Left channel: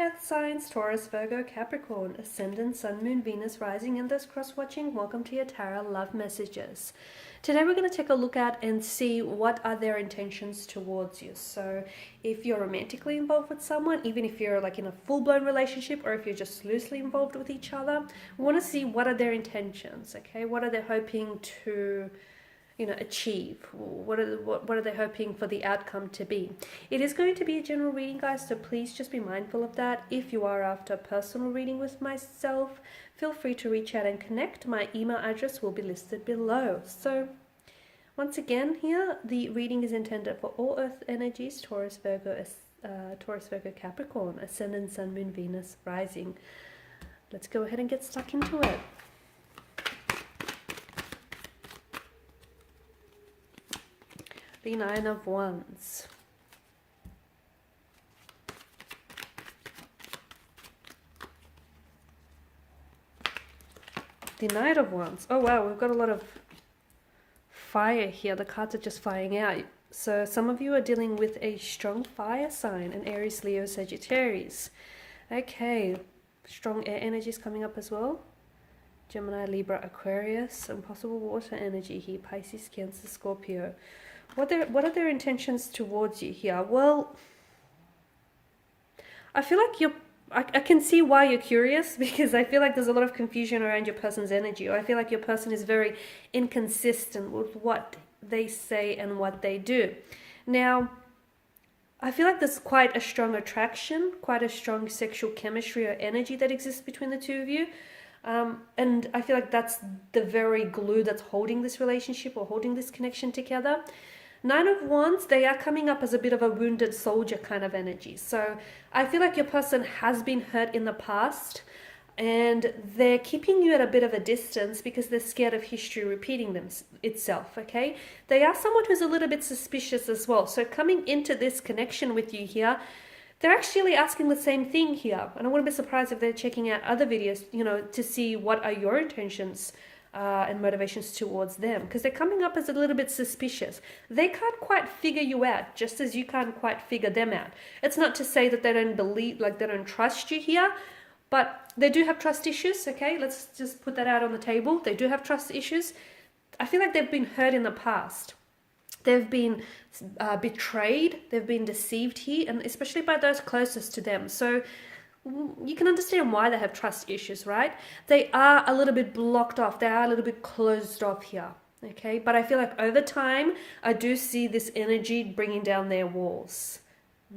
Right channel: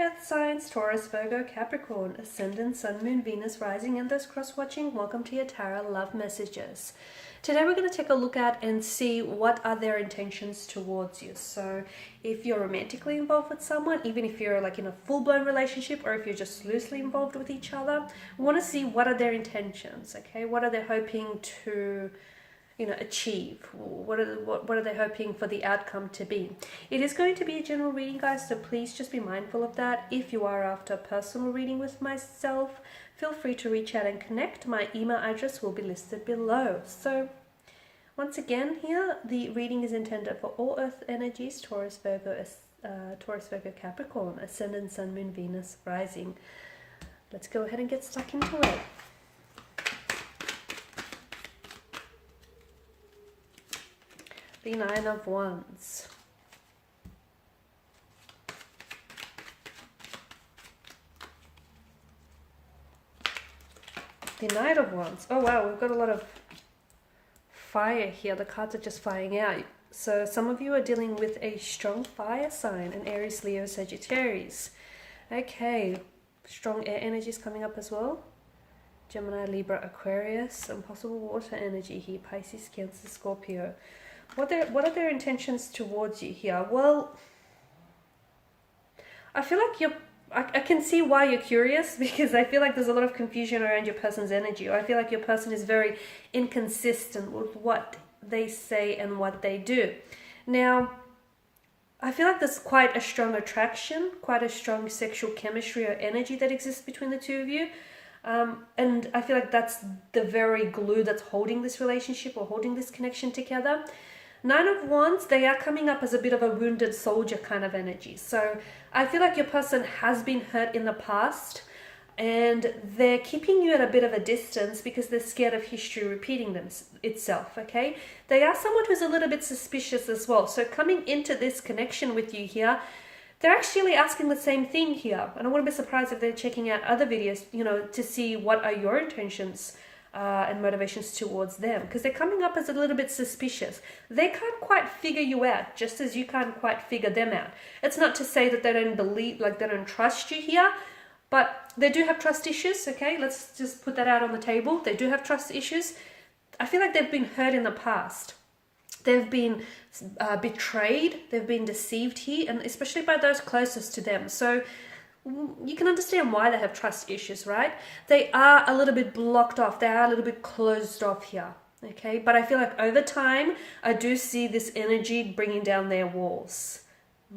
earth signs, Taurus, Virgo, Capricorn, Ascendant, Sun, Moon, Venus, Rising, and those cross-watching, welcome to your tarot love messages. Today we're going to take a look at and see what are their intentions towards you. So if you're romantically involved with someone, even if you're like in a full-blown relationship, or if you're just loosely involved with each other, we want to see what are their intentions, okay? What are they hoping to achieve? What are they hoping for the outcome to be? It is going to be a general reading, guys, so please just be mindful of that. If you are after a personal reading with myself, feel free to reach out and connect. My email address will be listed below. So once again, here the reading is intended for all earth energies, Taurus, Virgo, Capricorn, Ascendant, Sun, Moon, Venus, Rising. Let's go ahead and get stuck into it. The Nine of Wands. The Knight of Wands. Oh wow, we've got a lot of fire here. The cards are just firing out. So some of you are dealing with a strong fire sign, an Aries, Leo, Sagittarius. Okay, strong air energies coming up as well. Gemini, Libra, Aquarius, and possible water energy here, Pisces, Cancer, Scorpio. What are their intentions towards you here? Well, I feel like I can see why you're curious, because I feel like there's a lot of confusion around your person's energy, or I feel like your person is very inconsistent with what they say and what they do. Now, I feel like there's quite a strong attraction, quite a strong sexual chemistry or energy that exists between the two of you. And I feel like that's the very glue that's holding this relationship or holding this connection together. Nine of Wands, they are coming up as a bit of a wounded soldier kind of energy. So I feel like your person has been hurt in the past and they're keeping you at a bit of a distance because they're scared of history repeating itself, okay? They are someone who's a little bit suspicious as well. So coming into this connection with you here, they're actually asking the same thing here. And I wouldn't be surprised if they're checking out other videos, to see what are your intentions and motivations towards them, because they're coming up as a little bit suspicious. They can't quite figure you out, just as you can't quite figure them out. It's not to say that they don't believe, like they don't trust you here, but they do have trust issues, okay? Let's just put that out on the table. They do have trust issues. I feel like they've been hurt in the past. They've been betrayed, they've been deceived here, and especially by those closest to them. So you can understand why they have trust issues, right? They are a little bit blocked off. They are a little bit closed off here, okay? But I feel like over time, I do see this energy bringing down their walls,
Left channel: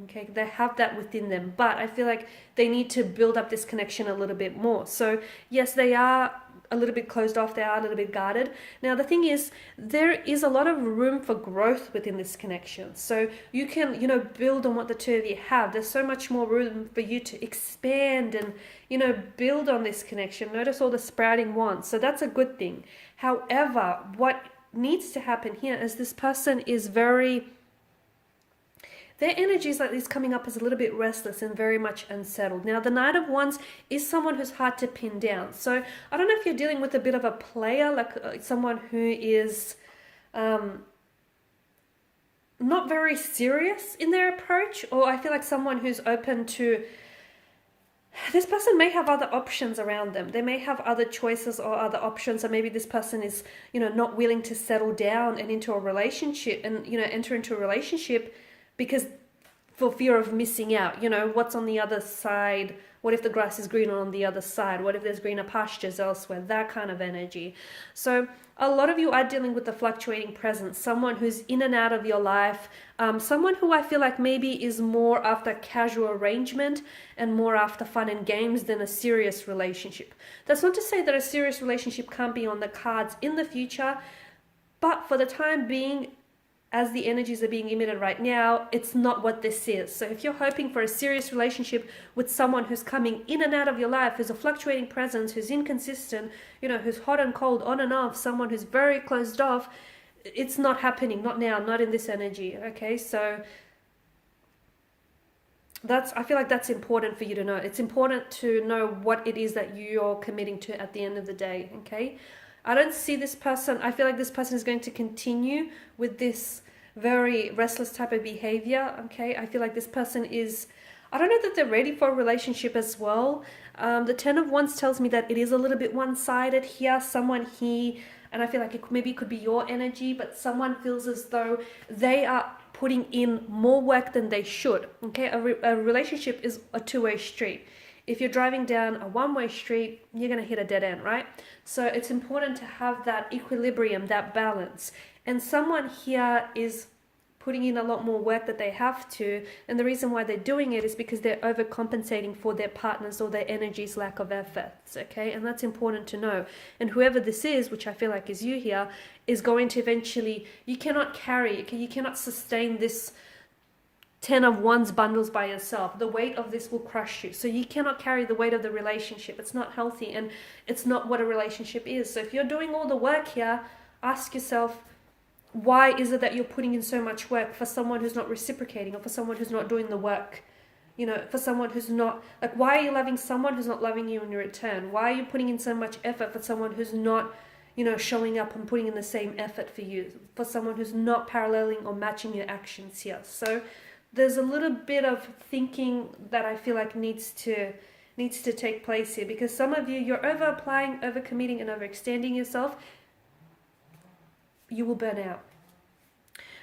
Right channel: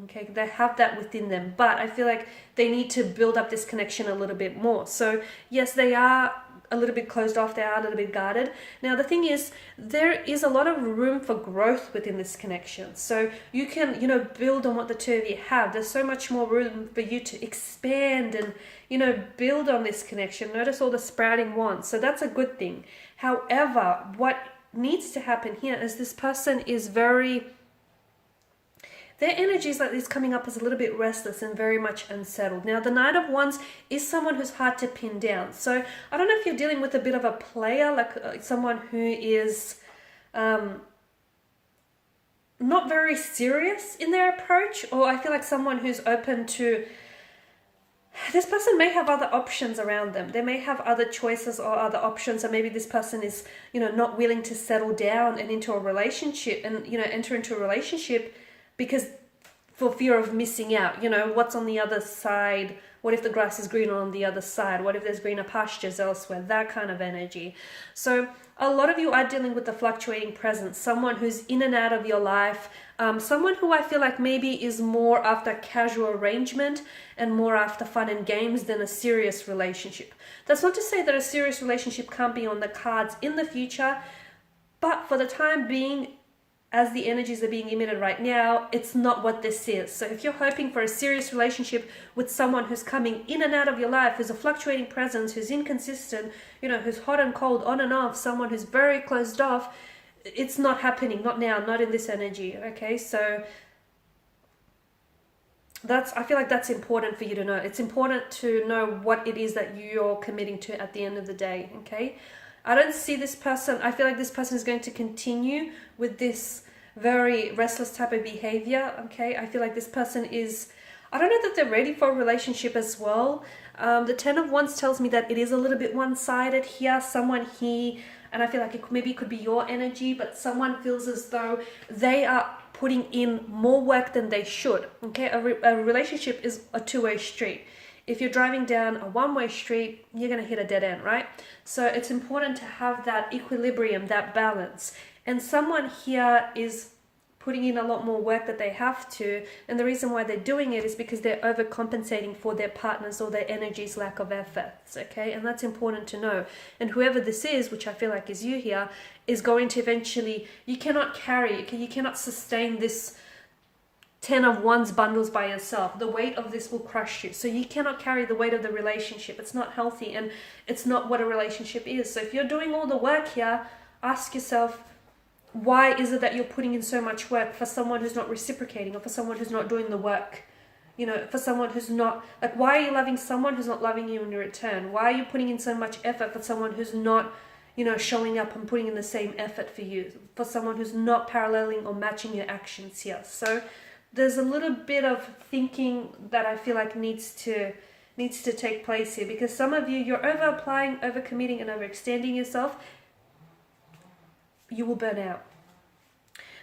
okay? They have that within them, but I feel like they need to build up this connection a little bit more. So yes, they are a little bit closed off. They are a little bit guarded. Now, the thing is, there is a lot of room for growth within this connection. So you can, build on what the two of you have. There's so much more room for you to expand and, build on this connection. Notice all the sprouting wands. So that's a good thing. However, what needs to happen here is this person is their energy is coming up as a little bit restless and very much unsettled. Now, the Knight of Wands is someone who's hard to pin down. So I don't know if you're dealing with a bit of a player, like someone who is not very serious in their approach, or I feel like someone who's open to... This person may have other options around them. They may have other choices or other options, or maybe this person is, not willing to settle down and into a relationship and, enter into a relationship because for fear of missing out, what's on the other side? What if the grass is greener on the other side? What if there's greener pastures elsewhere? That kind of energy. So a lot of you are dealing with the fluctuating presence, someone who's in and out of your life, someone who I feel like maybe is more after casual arrangement and more after fun and games than a serious relationship. That's not to say that a serious relationship can't be on the cards in the future, but for the time being, as the energies are being emitted right now, it's not what this is. So if you're hoping for a serious relationship with someone who's coming in and out of your life, who's a fluctuating presence, who's inconsistent, who's hot and cold, on and off, someone who's very closed off, it's not happening, not now, not in this energy, okay? So I feel like that's important for you to know. It's important to know what it is that you're committing to at the end of the day, okay? I don't see this person, I feel like this person is going to continue with this very restless type of behavior, okay? I feel like this person is I don't know that they're ready for a relationship as well. The Ten of Wands tells me that it is a little bit one-sided here. Someone here, and I feel like it could be your energy, but someone feels as though they are putting in more work than they should. Okay, a relationship is a two-way street. If you're driving down a one-way street, you're going to hit a dead end, right? So it's important to have that equilibrium, that balance. And someone here is putting in a lot more work that they have to, and the reason why they're doing it is because they're overcompensating for their partner's or their energy's lack of efforts, okay? And that's important to know. And whoever this is, which I feel like is you here, is going to eventually, you cannot carry, you cannot sustain this 10 of Wands bundles by yourself. The weight of this will crush you. So you cannot carry the weight of the relationship. It's not healthy, and it's not what a relationship is. So if you're doing all the work here, ask yourself, why is it that you're putting in so much work for someone who's not reciprocating, or for someone who's not doing the work? You know, for someone who's not, like, why are you loving someone who's not loving you in return? Why are you putting in so much effort for someone who's not, you know, showing up and putting in the same effort for you? For someone who's not paralleling or matching your actions here. So there's a little bit of thinking that I feel like needs to take place here, because some of you, you're over applying, over committing, and overextending yourself. You will burn out.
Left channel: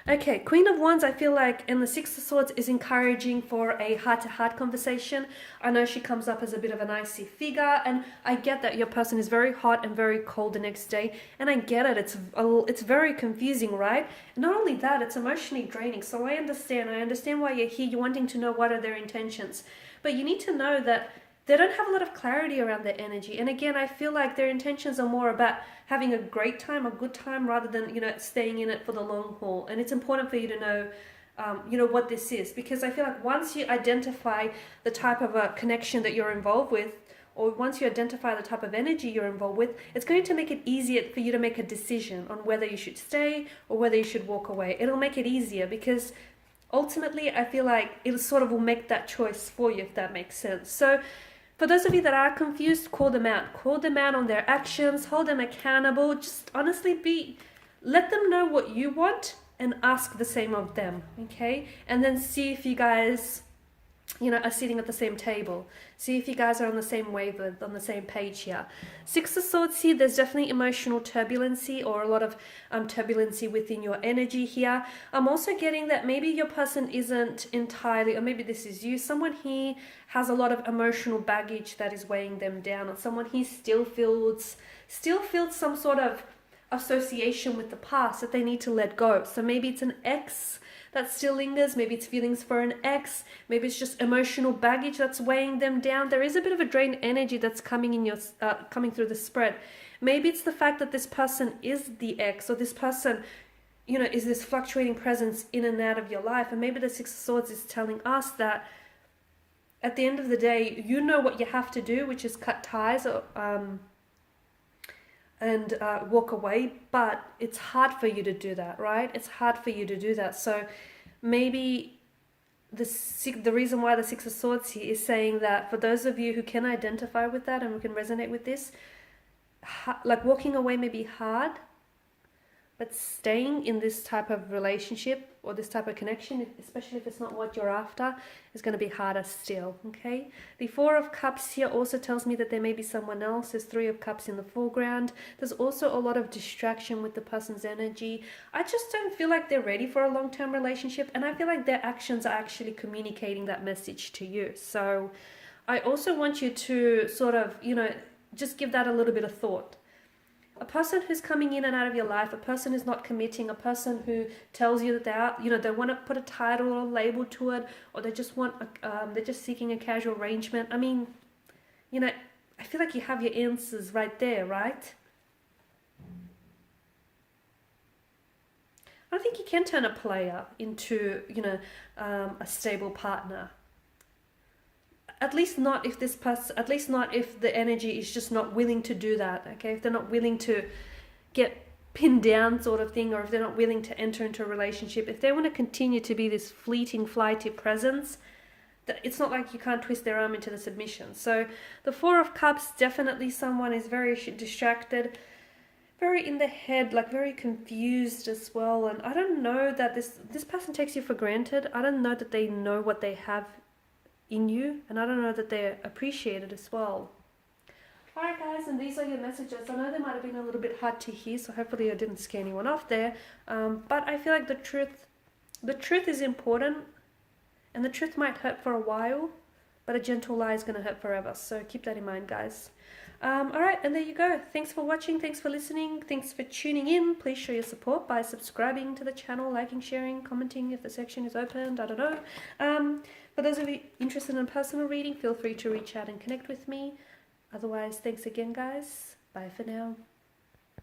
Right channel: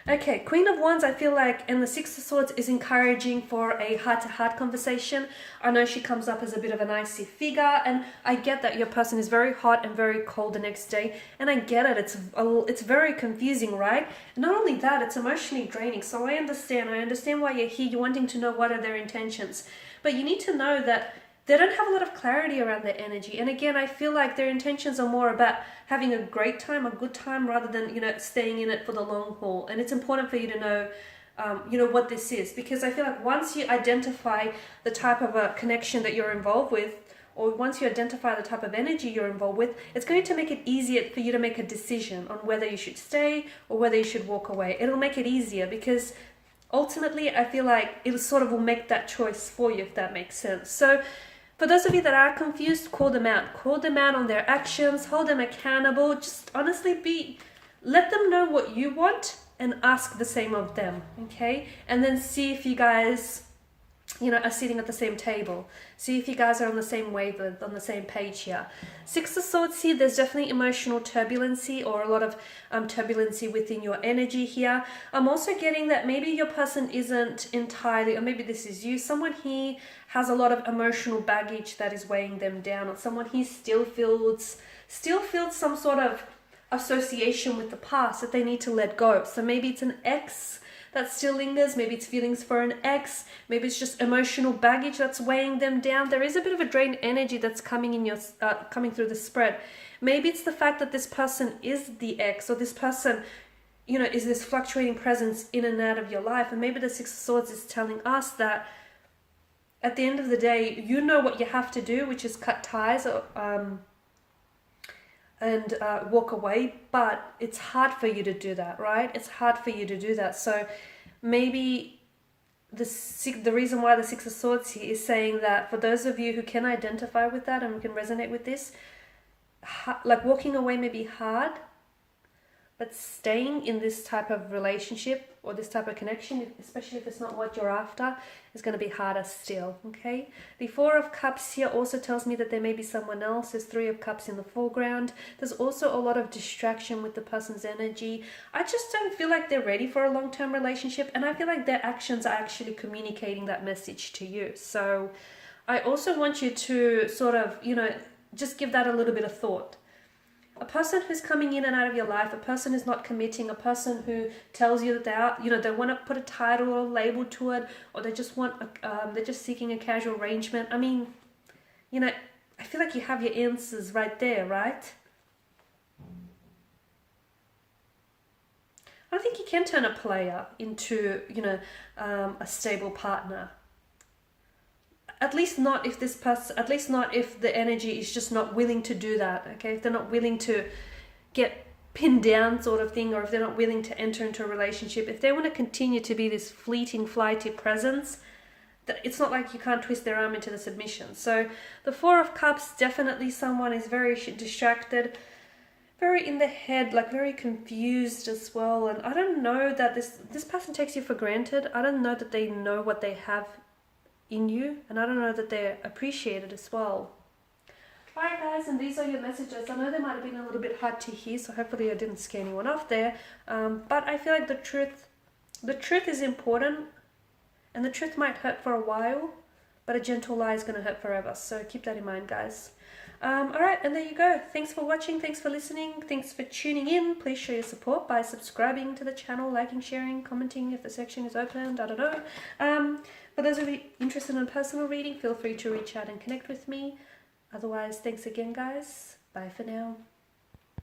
Okay, Queen of Wands, I feel like, and the Six of Swords is encouraging for a heart-to-heart conversation. I know she comes up as a bit of an icy figure, and I get that your person is very hot and very cold the next day, and I get it. It's very confusing, right? Not only that, it's emotionally draining. So I understand why you're here. You're wanting to know what are their intentions, but you need to know that they don't have a lot of clarity around their energy. And again, I feel like their intentions are more about having a great time, a good time, rather than, you know, staying in it for the long haul. And it's important for you to know, you know, what this is, because I feel like once you identify the type of a connection that you're involved with, or once you identify the type of energy you're involved with, it's going to make it easier for you to make a decision on whether you should stay or whether you should walk away. It'll make it easier, because ultimately I feel like it sort of will make that choice for you, if that makes sense. So for those of you that are confused, call them out. Call them out on their actions. Hold them accountable. Just honestly let them know what you want and ask the same of them, okay? And then see if you guys, you know, are sitting at the same table. See if you guys are on the same wavelength, on the same page here. Six of Swords here, there's definitely emotional turbulency, or a lot of turbulency within your energy here. I'm also getting that maybe your person isn't entirely, or maybe this is you, someone here has a lot of emotional baggage that is weighing them down, or someone here still feels some sort of association with the past that they need to let go. So maybe it's an ex that still lingers, maybe it's feelings for an ex, maybe it's just emotional baggage that's weighing them down. There is a bit of a drained energy that's coming in your coming through the spread. Maybe it's the fact that this person is the ex, or this person, you know, is this fluctuating presence in and out of your life. And maybe the Six of Swords is telling us that at the end of the day, you know what you have to do, which is cut ties or and walk away, but it's hard for you to do that, right? It's hard for you to do that. So maybe the reason why the Six of Swords here is saying that for those of you who can identify with that and who can resonate with this, like walking away may be hard, but staying in this type of relationship or this type of connection, especially if it's not what you're after, is going to be harder still, okay? The Four of Cups here also tells me that there may be someone else. There's Three of Cups in the foreground. There's also a lot of distraction with the person's energy. I just don't feel like they're ready for a long-term relationship, and I feel like their actions are actually communicating that message to you. So I also want you to sort of, you know, just give that a little bit of thought. A person who's coming in and out of your life, a person who's not committing, a person who tells you that they are, you know, they want to put a title or a label to it, or they just want, they're just seeking a casual arrangement. I mean, you know, I feel like you have your answers right there, right? I think you can turn a player into, you know, a stable partner. At least not if this person, at least not if the energy is just not willing to do that, okay? If they're not willing to get pinned down sort of thing, or if they're not willing to enter into a relationship, if they want to continue to be this fleeting, flighty presence, that it's not like you can't twist their arm into the submission. So the Four of Cups, definitely someone is very distracted, very in the head, like very confused as well. And I don't know that this person takes you for granted. I don't know that they know what they have in you, and I don't know that they're appreciated as well. Alright guys, and these are your messages. I know they might have been a little bit hard to hear, so hopefully I didn't scare anyone off there. But I feel like the truth is important, and the truth might hurt for a while, but a gentle lie is going to hurt forever. So keep that in mind, guys. Alright, and there you go. Thanks for watching, thanks for listening, thanks for tuning in. Please show your support by subscribing to the channel, liking, sharing, commenting if the section is opened, I don't know. For those of you interested in personal reading, feel free to reach out and connect with me. Otherwise, thanks again, guys. Bye for now.